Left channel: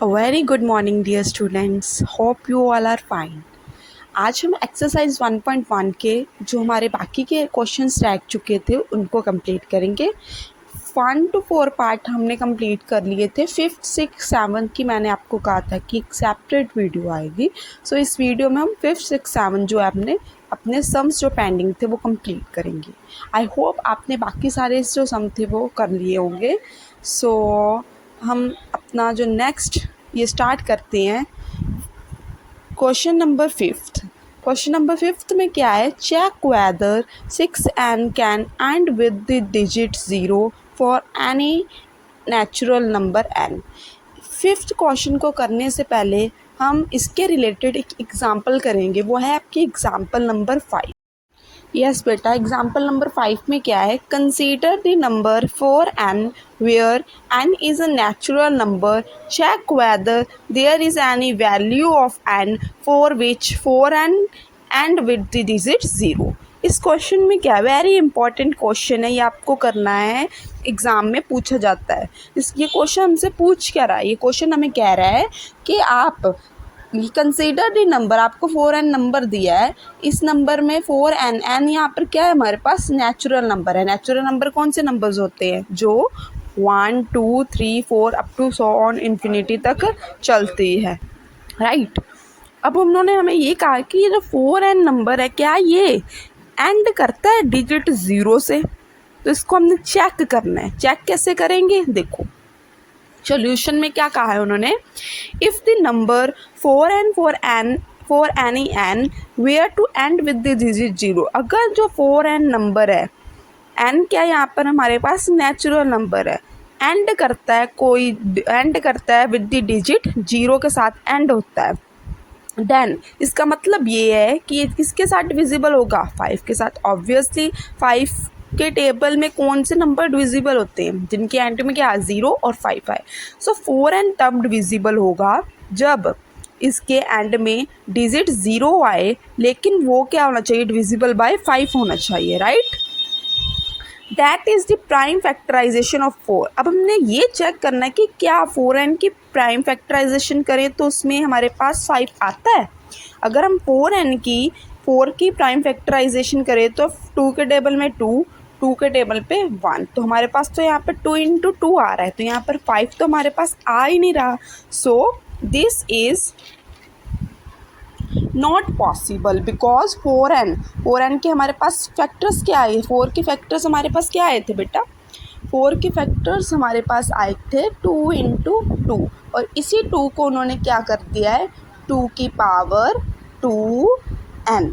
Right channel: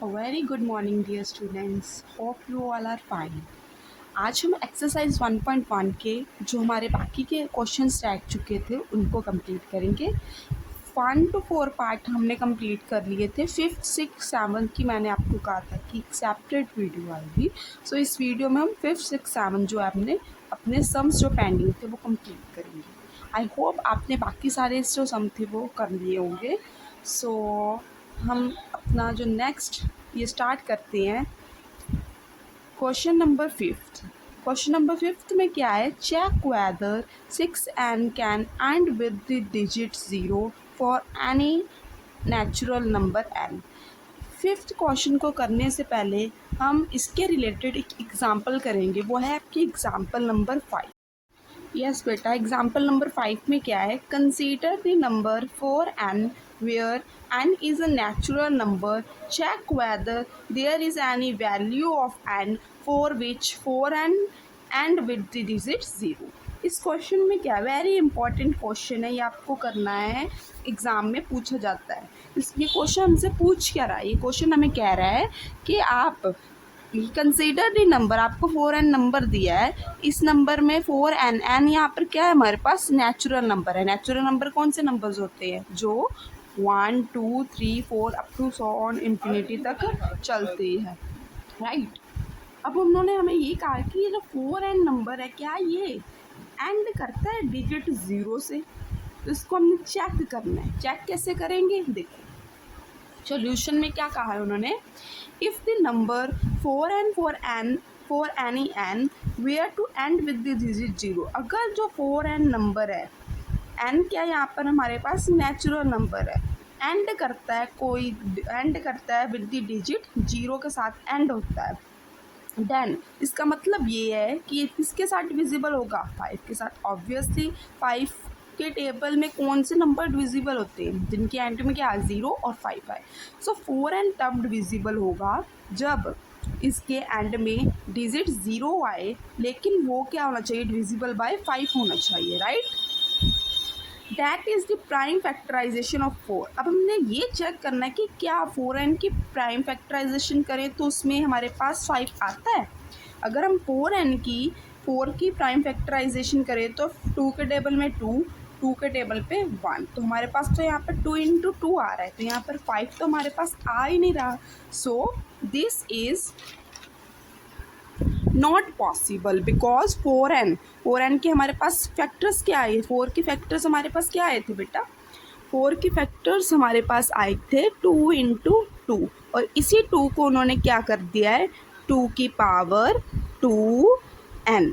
A very good morning dear students. Hope you all are fine. आज हम exercise 1.1 के जो हमारे बाकी के क्वेश्चंस रह चुके थे उनको कंप्लीट करेंगे। 1 to 4 पार्ट हमने कंप्लीट कर लिए थे। 5th 6th 7th की मैंने आपको कहा था कि एक सेपरेट वीडियो आएगी। सो इस वीडियो में हम 5th 6th 7th जो है अपने सम्स जो पेंडिंग थे वो कंप्लीट करेंगे। आई होप आपने बाकी सारे जो सम थे वो कर लिए होंगे। सो हम अपना जो नेक्स्ट ये स्टार्ट करते हैं। Question number 5th। Question number 5th में क्या है? Check whether 6n can end with the digit 0 for any natural number n। 5th question को करने से पहले हम इसके रिलेटेड एक एग्जाम्पल करेंगे, वो है आपकी एग्जाम्पल नंबर 5। यस बेटा, एग्जाम्पल नंबर 5 में क्या है? Consider the number 4n where n is a natural number. Check whether there is any value of n for which 4n end with the digit 0। इस question में क्या है? Very important question है, ये आपको करना है, एग्ज़ाम में पूछा जाता है। ये क्वेश्चन हमसे पूछ क्या रहा है? ये क्वेश्चन हमें कह रहा है कि आप कंसीडर द नंबर, आपको 4n नंबर दिया है, इस नंबर में 4n यहाँ पर क्या है? हमारे पास नेचुरल नंबर है। नेचुरल नंबर कौन से नंबर्स होते हैं? जो 1 2 3 4 up to so on infinity तक चलती है, राइट। अब उन्होंने हमें ये कहा कि ये जो 4n नंबर है, क्या ये एंड करता है डिजिट 0 से? तो इसको हमने चेक करना है। चेक कैसे करेंगे? देखो सॉल्यूशन में क्या कहा है उन्होंने, if the number 4n for any n were to end with the digit 0। अगर जो 4n नंबर है, n क्या यहाँ पर हमारे पास नेचुरल नंबर है, एंड करता है, कोई एंड करता है विद द डिजिट 0 के साथ एंड होता है, देन इसका मतलब ये है कि ये किसके साथ डिविजिबल होगा? 5 के साथ। ऑब्वियसली 5 के टेबल में कौन से नंबर डिविजिबल होते हैं? जिनके एंड में क्या 0 और 5 है। सो 4n तब डिविजिबल होगा जब इसके एंड में डिजिट 0 आए, लेकिन वो क्या होना चाहिए? डिविजिबल बाय 5 होना चाहिए, right. That is the prime factorization of 4। अब हमने ये चेक करना है कि क्या 4n की प्राइम फैक्टराइजेशन करें तो उसमें हमारे पास 5 आता है। अगर हम 4 की प्राइम फैक्टराइजेशन करें तो 2 के टेबल में 2, 2 के टेबल पे 1, तो हमारे पास तो यहाँ पर 2 इंटू 2 आ रहा है, तो यहाँ पर 5 तो हमारे पास आ ही नहीं रहा। सो this is not possible because 4n के हमारे पास फैक्टर्स क्या आए? 4 के फैक्टर्स हमारे पास क्या आए थे बेटा? 4 के फैक्टर्स हमारे पास आए थे 2 इंटू 2, और इसी 2 को उन्होंने क्या कर दिया है? 2 की पावर 2n।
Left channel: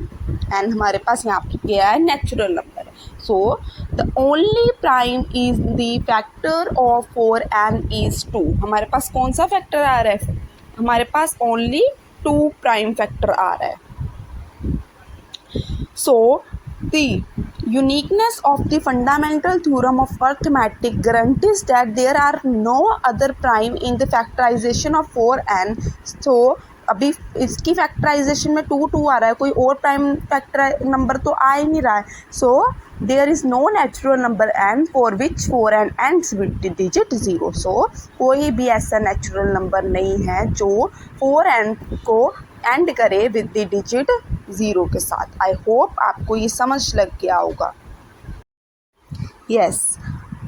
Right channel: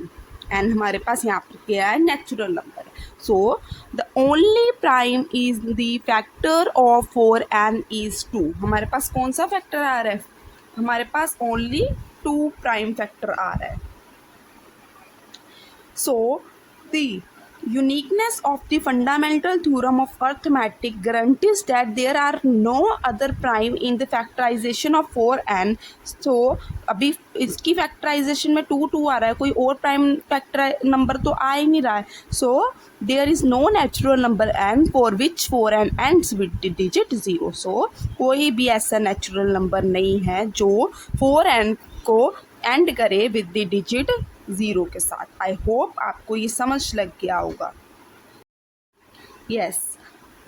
n हमारे पास यहाँ पर क्या है? Natural number. So the only prime is the factor of 4n is 2। हमारे पास कौन सा फैक्टर आ रहा है? हमारे पास ओनली 2 प्राइम फैक्टर आ रहा है। So the uniqueness of the fundamental theorem of arithmetic guarantees that there are no other prime in the factorization of 4n। so अभी इसकी फैक्टराइजेशन में 2 2 आ रहा है, कोई और प्राइम फैक्टर नंबर तो आ ही नहीं रहा है। So there is no natural number n for which 4n ends with digit 0। So कोई भी ऐसा नेचुरल नंबर नहीं है जो 4n को एंड करे विद द डिजिट 0 के साथ। आई होप आपको ये समझ लग गया होगा। यस,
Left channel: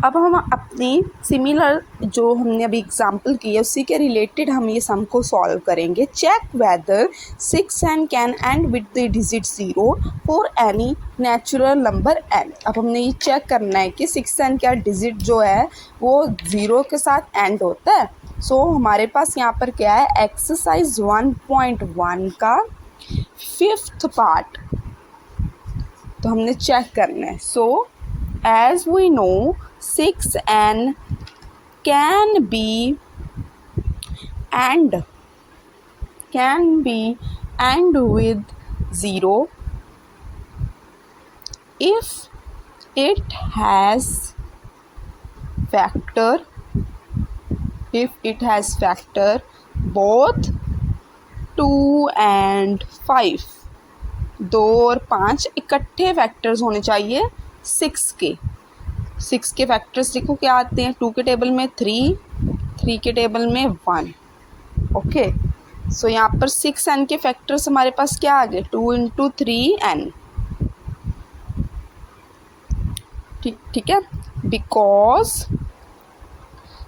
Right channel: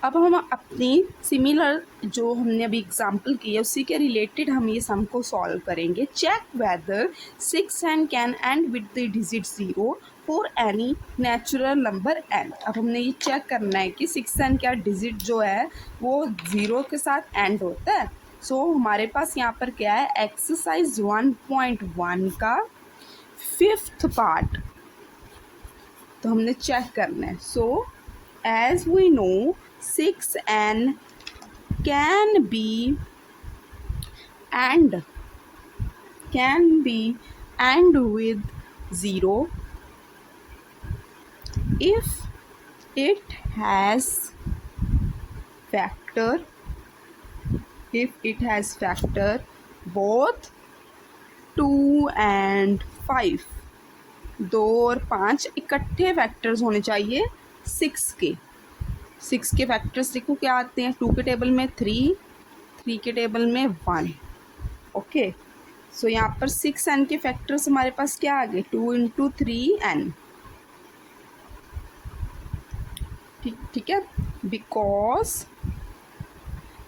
अब हम अपनी सिमिलर जो हमने अभी एग्जांपल की है उसी के रिलेटेड हम ये सम को सॉल्व करेंगे। Check whether 6n can end with the digit 0 for any natural number n। अब हमने ये चेक करना है कि 6n का डिजिट जो है वो 0 के साथ एंड होता है। सो हमारे पास यहाँ पर क्या है? एक्सरसाइज 1.1 का 5th पार्ट तो हमने चेक करना है। So as we know 6n can be and with 0 if it has factor both 2 and 5। 2 और 5 इकट्ठे फैक्टर्स होने चाहिए 6 के। 6 के फैक्टर्स देखो क्या आते हैं? 2 के टेबल में 3, 3 के टेबल में 1, ओके, सो यहाँ पर 6n के फैक्टर्स हमारे पास क्या आ गए, 2 इंटू 3n। ठीक है, बिकॉज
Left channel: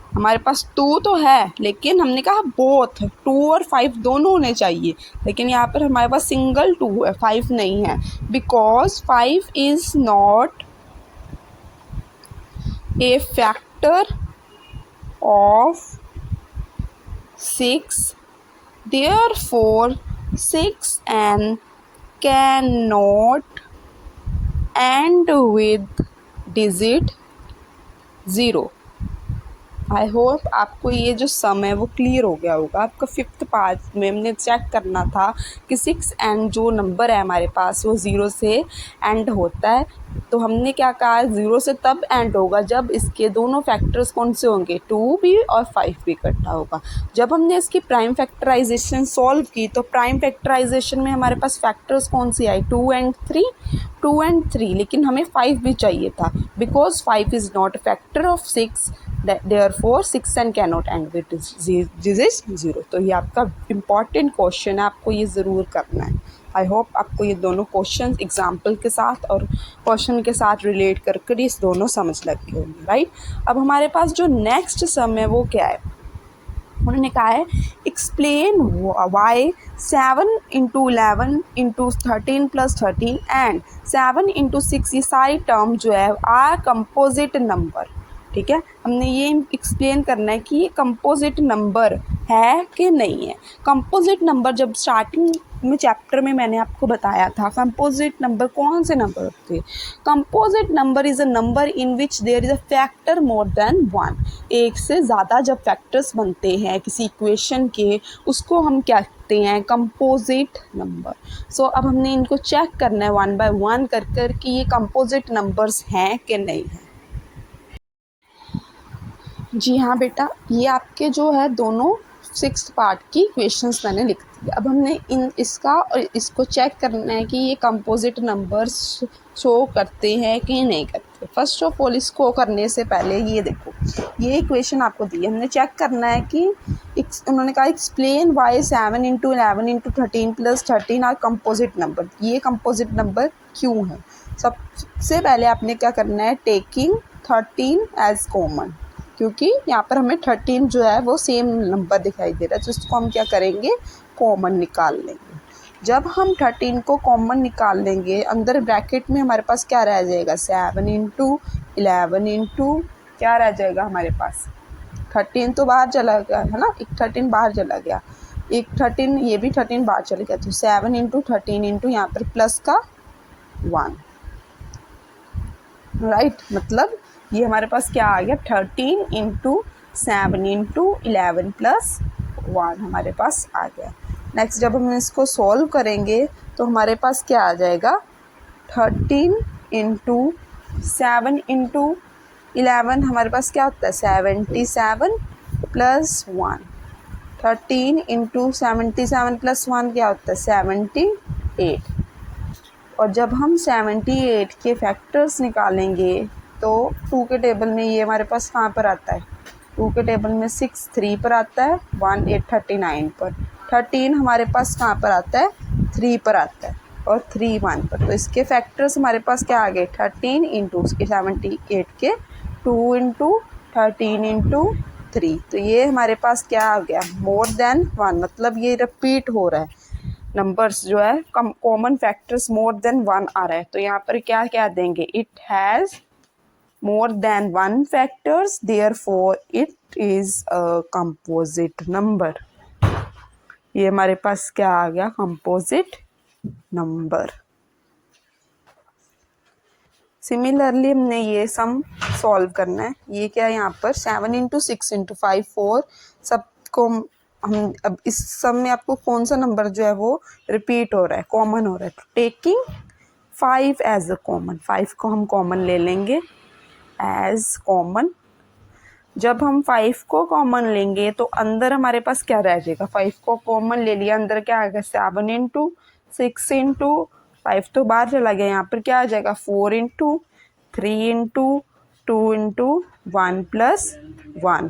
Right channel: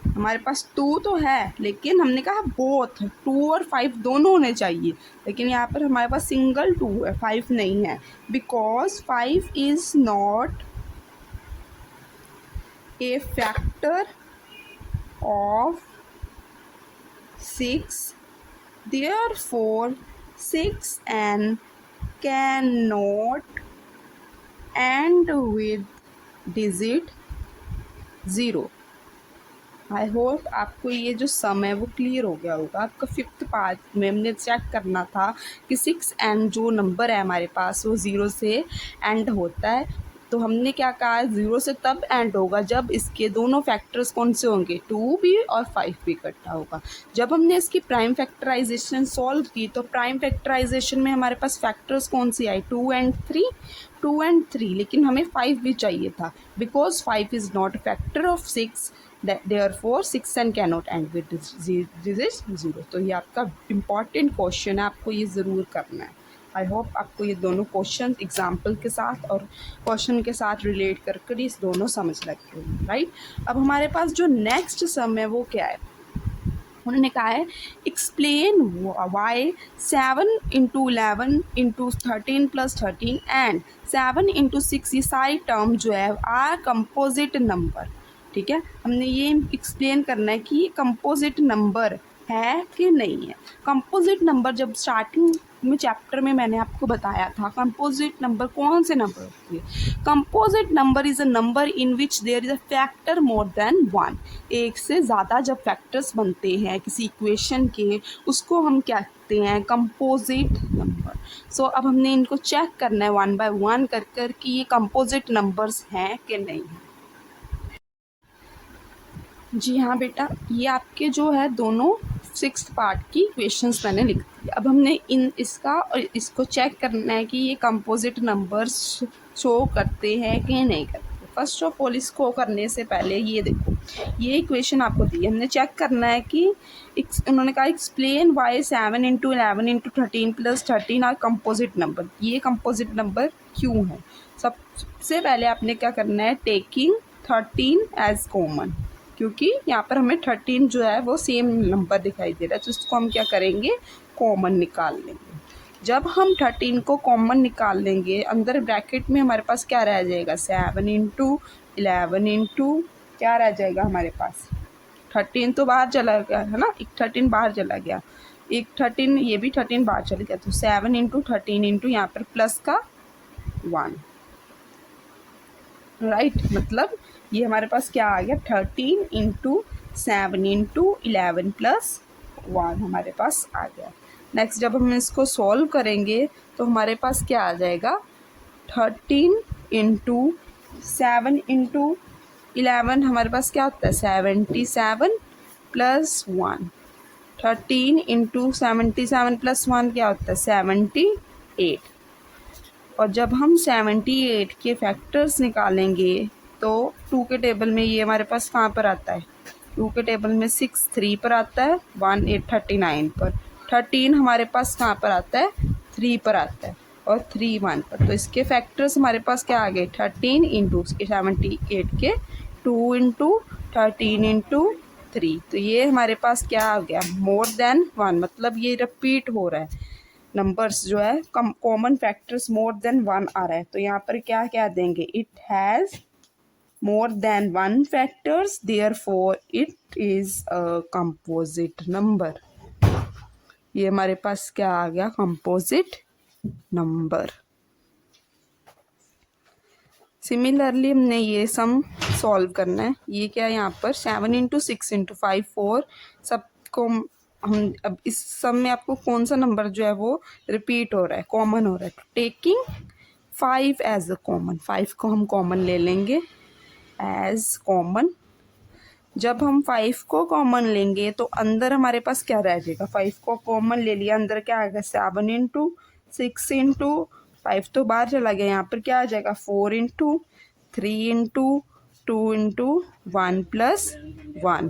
हमारे पास 2 तो है, लेकिन हमने कहा बोथ 2 और 5 दोनों होने चाहिए, लेकिन यहाँ पर हमारे पास सिंगल 2 है, 5 नहीं है। Because 5 is not a factor of 6, therefore 6n cannot end with digit 0। I hope आपको ये जो सम है वो क्लियर हो गया होगा। आपका 5th पार्ट में हमने चेक करना था कि 6n जो नंबर है हमारे पास वो 0 से एंड होता है। तो हमने क्या कहा, 0 से तब एंड होगा जब इसके दोनों फैक्टर्स कौन से होंगे, 2 भी और 5 भी इकट्ठा होगा। जब हमने इसकी प्राइम फैक्टराइजेशन सॉल्व की तो प्राइम फैक्टराइजेशन में हमारे पास फैक्टर्स कौन से आए, 2 एंड 3, लेकिन हमें 5 भी चाहिए था। Because 5 is not a factor of 6, therefore 6n cannot end with digit 0। तो ये आपका इम्पॉर्टेंट क्वेश्चन है, आपको ये ज़रूर करना है। आई होप आपको ये दोनों क्वेश्चन एग्जाम्पल के साथ और क्वेश्चन के साथ रिलेट करके इस दोनों समझ लग गए होंगे, राइट। अब हमारे पास जो नेक्स्ट सम है वो क्या है, उन्होंने कहा है explain why 7 into 11 into 13 plus 13 and 7 into 6, ये सारी टर्म जो है आर कंपोजिट नंबर। ठीक है, हमने ये एक्सप्लेन करना है कि ये कंपोजिट नंबर है कि नहीं है। कंपोजिट नंबर जब स्टार्टिंग में चैप्टर में मैंने आपको बताया था, कंपोजिट नंबर कौन से नंबर होते हैं। Composite number is a number in which there is a factor more than 1। एक से ज़्यादा जब फैक्टर्स बनते हैं किसी इक्वेशन के, उसको हम क्या कहते हैं, कंपोजिट नंबर। सो अब हमने इनको चेक करना है 1 बाय 1 कर कि ये कंपोजिट नंबर्स हैं कि नहीं हैं। जी हाँ बेटा, ये आपके जो है दोनों 6th पार्ट की क्वेश्चंस मैंने लिख दिए। अब हमने इसका और इसको चेक करना है कि ये कंपोजिट नंबर्स शो करते हैं कि नहीं करते। फर्स्ट ऑफ ऑल इसको करने से पहले ये देखो, ये इक्वेशन आपको दी है, हमने चेक करना है कि उन्होंने कहा explain why 7 into 11 into 13 plus 13 are composite number. ये कंपोजिट नंबर क्यों है। सबसे पहले आपने क्या करना है, टेकिंग 13 एज कॉमन, क्योंकि यहाँ पर हमें 13 जो है वो सेम नंबर दिखाई दे रहा है, तो इसको हम क्या करेंगे, कॉमन निकाल लेंगे। जब हम 13 को कॉमन निकाल लेंगे, अंदर ब्रैकेट में हमारे पास क्या रह जाएगा, 7 इंटू 11 इंटू क्या रह जाएगा हमारे पास, 13 तो बाहर चला गया है ना, एक 13 बाहर चला गया, एक 13 ये भी 13 बाहर चला गया, तो 7 इंटू 13 इंटू यहाँ पर प्लस का 1, राइट। मतलब ये हमारे पास क्या आ गया, 13 इंटू 7 इंटू 11 प्लस 1 हमारे पास आ गया। नेक्स्ट जब हम इसको सॉल्व करेंगे तो हमारे पास क्या आ जाएगा, 13 इंटू 7 इंटू 11 हमारे पास क्या होता है, 77 प्लस 1। 13 इंटू 77 प्लस 1 क्या होता है, 78। और जब हम 78 के फैक्टर्स निकालेंगे तो 2 के टेबल में ये हमारे पास कहाँ पर आता है, 2 के टेबल में 6 3 पर आता है, 1 8 39 पर, 13 हमारे पास कहाँ पर आता है, 3 पर आता है, और 3 1 पर। तो इसके फैक्टर्स हमारे पास क्या आ गए, 13 इंटू उसके 78 के 2 इंटू 13 इंटू 3। तो ये हमारे पास क्या आ गया, मोर देन 1, मतलब ये रिपीट हो रहा है, नंबर्स जो है कॉमन फैक्टर्स मोर देन 1 आ रहा है। तो यहाँ पर क्या क्या देंगे, it has more than one factors, therefore it is a composite number। ये हमारे पास क्या आ गया, composite number। सिमिलरली हमने ये सम सॉल्व करना है, ये क्या है यहाँ पर 7 इंटू 6 इंटू 5 4, सबको हम अब इस सम में आपको कौन सा नंबर जो है वो रिपीट हो रहा है, कॉमन हो रहा है, टेकिंग 5 एज अ कॉमन, 5 को हम कॉमन ले लेंगे एज कॉमन। जब हम 5 को कॉमन लेंगे तो अंदर हमारे पास क्या रह जाएगा, 5 को कॉमन ले लिया, अंदर क्या आएगा, 7 इंटू 6 इंटू 5 तो बाहर चला गया, यहाँ पर क्या आ जाएगा, 4 इंटू 3 इंटू 2 इंटू 1 प्लस 1।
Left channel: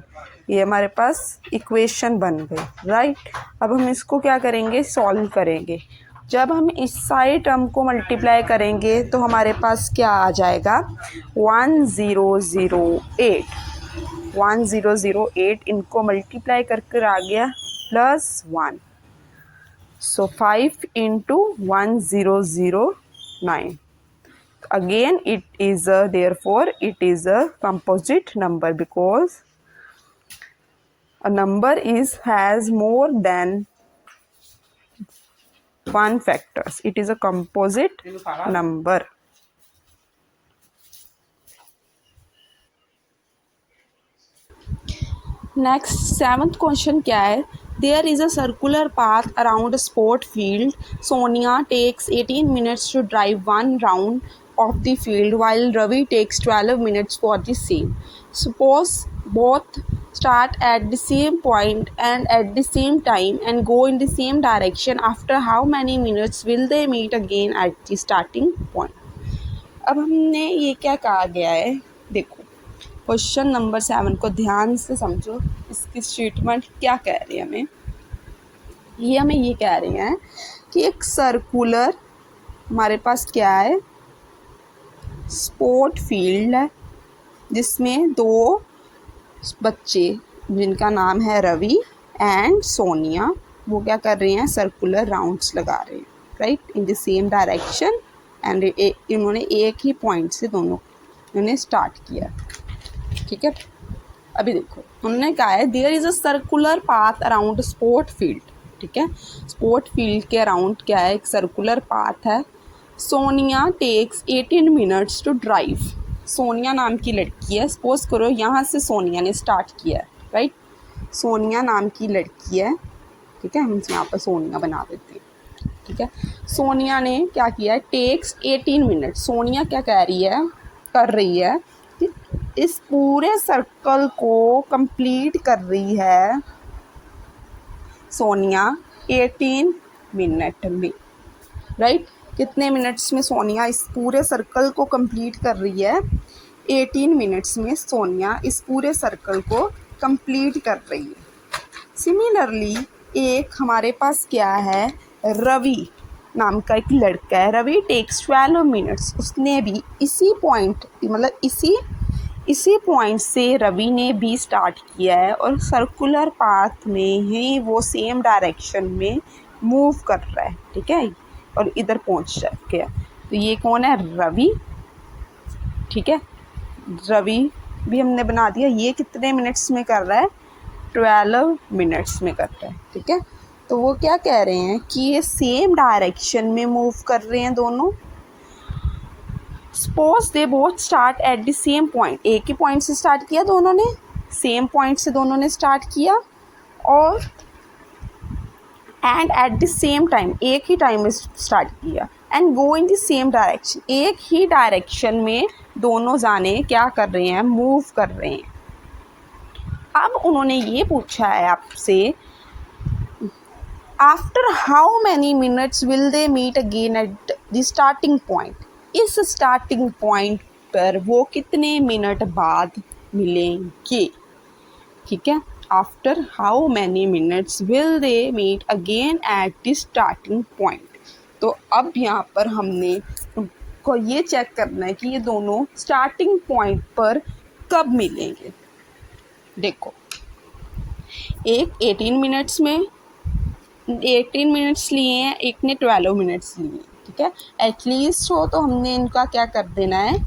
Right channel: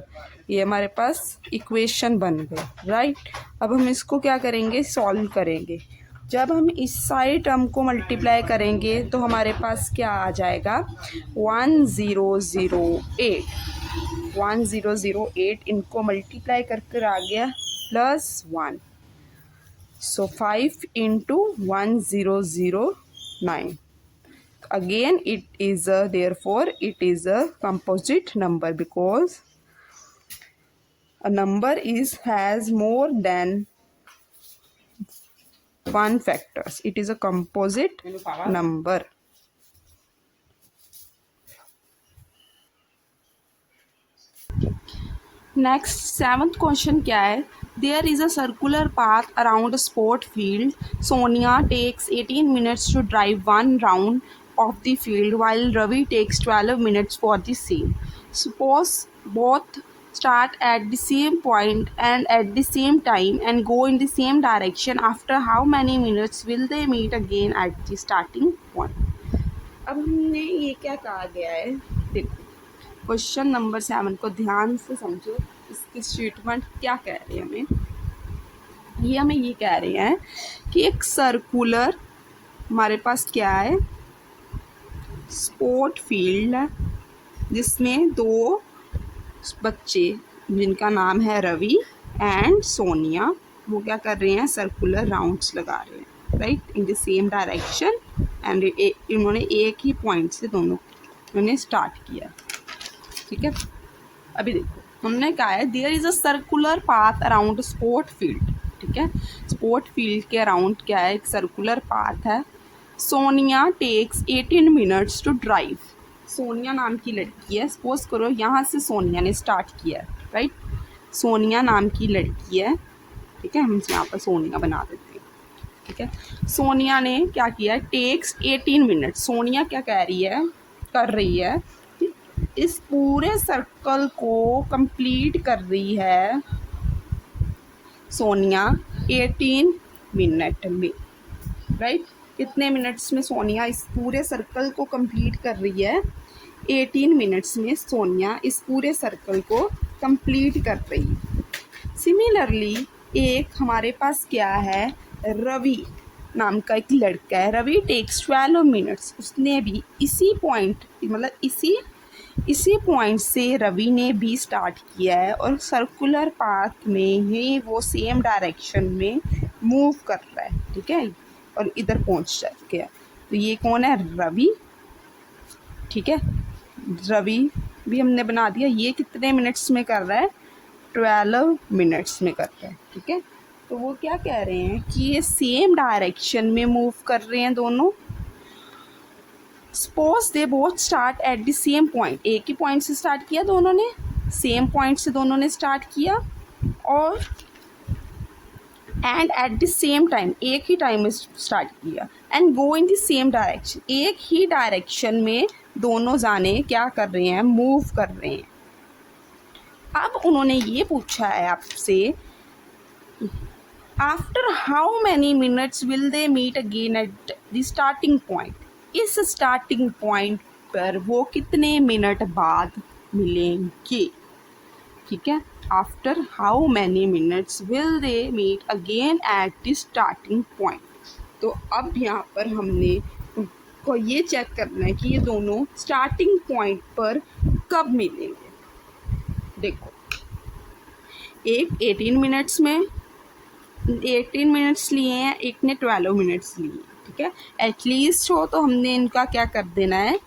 ये हमारे पास इक्वेशन बन गई, राइट। अब हम इसको क्या करेंगे, सॉल्व करेंगे। जब हम इस सारे टर्म को मल्टीप्लाई करेंगे तो हमारे पास क्या आ जाएगा, 1008 इनको मल्टीप्लाई करके आ गया +1, सो 5 into 1009। Again it is therefore it is a composite number because a number has more than one factors. It is a composite number. Next, 7th question क्या है, there is a circular path around a sport field. Sonia takes 18 minutes to drive one round of the field while Ravi takes 12 minutes for the same. Suppose both start at the same point and at the same time and go in the same direction. After how many minutes will they meet again at the starting point? अब हमने ये क्या कहा गया है, देखो question number 7 को ध्यान से समझो। इसकी स्टेटमेंट क्या कह रही है हमें, ये हमें ये कह रही है कि एक सर्कुलर हमारे पास क्या है, स्पोर्ट फील्ड है जिसमें दो बच्चे जिनका नाम है रवि एंड सोनिया, वो क्या कर रहे हैं, सर्कुलर राउंड्स लगा रहे हैं, right, in the same direction. And इन्होंने एक ही पॉइंट से दोनों इन्होंने स्टार्ट किया, ठीक है। अभी देखो उन्होंने कहा है there is a circular path around sport field, ठीक है। स्पोर्ट फील्ड के अराउंड क्या है, एक सर्कुलर पाथ है। Sonia takes 18 minutes to drive. Sonia नाम की लड़की है, सपोज करो यहाँ से सोनिया ने स्टार्ट किया है, राइट। सोनिया नाम की लड़की है, ठीक है, हम यहाँ पर सोनिया बना देते हैं, ठीक है। सोनिया ने क्या किया है, टेक्स 18 मिनट, सोनिया क्या कह रही है, कर रही है कि इस पूरे सर्कल को कंप्लीट कर रही है सोनिया 18 मिनट में, राइट। कितने मिनट्स में सोनिया इस पूरे सर्कल को कंप्लीट कर रही है, 18 मिनट्स में सोनिया इस पूरे सर्कल को कंप्लीट कर रही है। सिमिलरली एक हमारे पास क्या है, रवि नाम का एक लड़का है, रवि टेक्स 12 मिनट्स, उसने भी इसी पॉइंट मतलब इसी पॉइंट से रवि ने भी स्टार्ट किया है और सर्कुलर पाथ में ही वो सेम डायरेक्शन में मूव कर रहा है, ठीक है, और इधर पहुंच गया। तो ये कौन है, रवि, ठीक है। रवि भी हमने बना दिया, ये कितने मिनट्स में कर रहा है, 12 मिनट्स में कर रहा है, ठीक है। तो वो क्या कह रहे हैं कि ये सेम डायरेक्शन में मूव कर रहे हैं दोनों। Suppose they both start at the same point, एक ही पॉइंट से स्टार्ट किया दोनों ने, सेम पॉइंट से दोनों ने स्टार्ट किया, और and at the same time, एक ही टाइम में स्टार्ट किया, and go in the same direction, एक ही डायरेक्शन में दोनों जाने क्या कर रहे हैं, मूव कर रहे हैं। अब उन्होंने ये पूछा है आपसे, after how many minutes will they meet again at the starting point, इस स्टार्टिंग पॉइंट पर वो कितने मिनट बाद मिलेंगे, ठीक है। After how many minutes will they meet again at the starting point. तो अब यहाँ पर हमने उनको ये चेक करना है कि ये दोनों स्टार्टिंग पॉइंट पर कब मिलेंगे। देखो एक 18 मिनट्स में 18 मिनट्स लिए हैं, एक ने 12 मिनट्स लिए हैं, ठीक है। एटलीस्ट हो तो हमने इनका क्या कर देना है,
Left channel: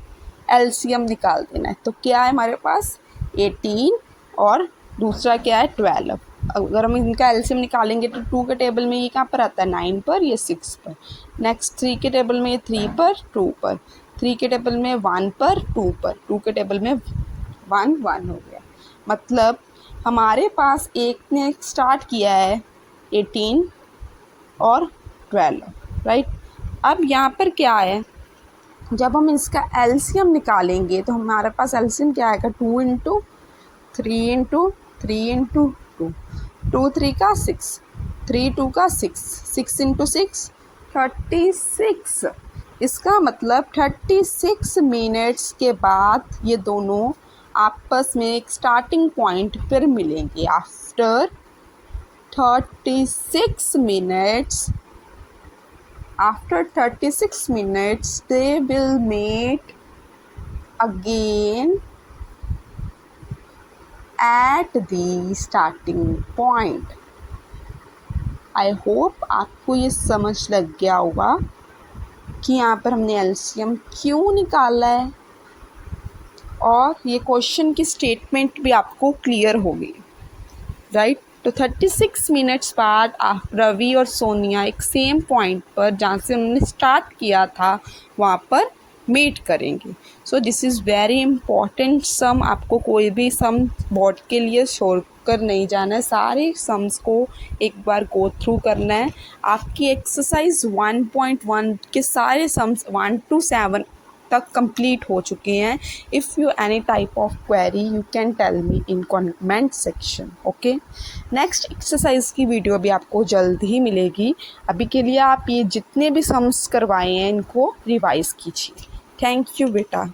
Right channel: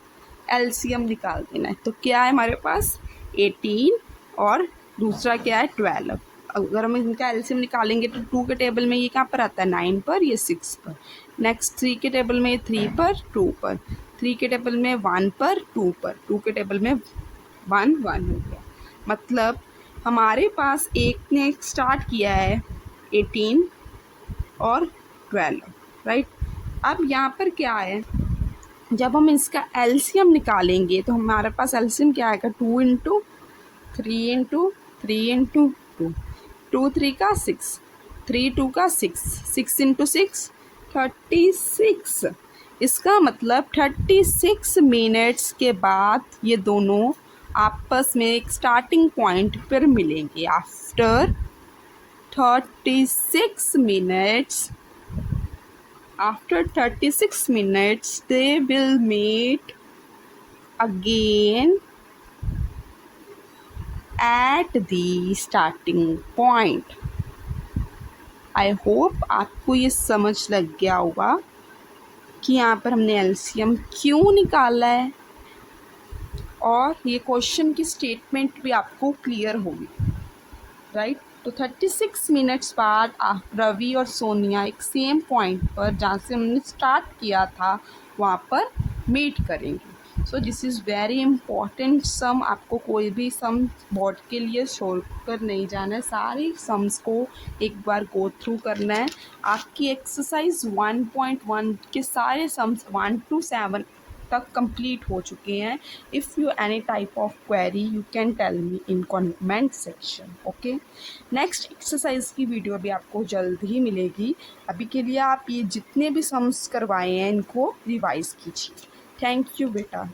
एलसीएम निकाल देना है। तो क्या है हमारे पास 18 और दूसरा क्या है 12। अगर हम इनका एलसीएम निकालेंगे तो 2 के टेबल में ये कहाँ पर आता है, 9 पर, ये 6 पर। नेक्स्ट 3 के टेबल में 3 पर, 2 पर, 3 के टेबल में 1 पर, 2 पर, 2 के टेबल में 1 1 हो गया। मतलब हमारे पास एक ने स्टार्ट किया है 18 और 12, राइट। अब यहाँ पर क्या है, जब हम इसका एलसीएम निकालेंगे तो हमारे पास एलसीएम क्या आएगा, 2 इंटू 3 इंटू 3 इंटू 2, 2 3 का 6, 3 2 का 6, 6 इंटू 6 36। इसका मतलब 36 मिनट्स के बाद ये दोनों आपस में एक स्टार्टिंग पॉइंट पर मिलेंगे। After 36 minutes, after 36 minutes they will meet again at the starting point। I hope आपको ये समझ लग गया होगा कि यहाँ पर हमने एलसीएम क्यों निकाला है, और ये क्वेश्चन की स्टेटमेंट भी आपको क्लियर होगी, राइट। तो 36 मिनट्स बाद रवि और सोनिया एक सेम पॉइंट पर जहाँ से हमने स्टार्ट किया था वहाँ पर मीट करेंगे। So this is very important sum. आपको कोई भी सम बोर्ड के लिए छोड़ कर नहीं जाना है, सारे सम्स को एक बार गो थ्रू करना है। आपकी एक्सरसाइज 1.1 के सारे सम्स 1 to 7 तक कंप्लीट हो चुके हैं। If you any type of query you can tell me in comment section. Okay, next exercise की वीडियो भी आपको जल्द ही मिलेगी। अभी के लिए आप ये जितने भी सम्स करवाए हैं इनको रिवाइज कीजिए। थैंक यू बेटा।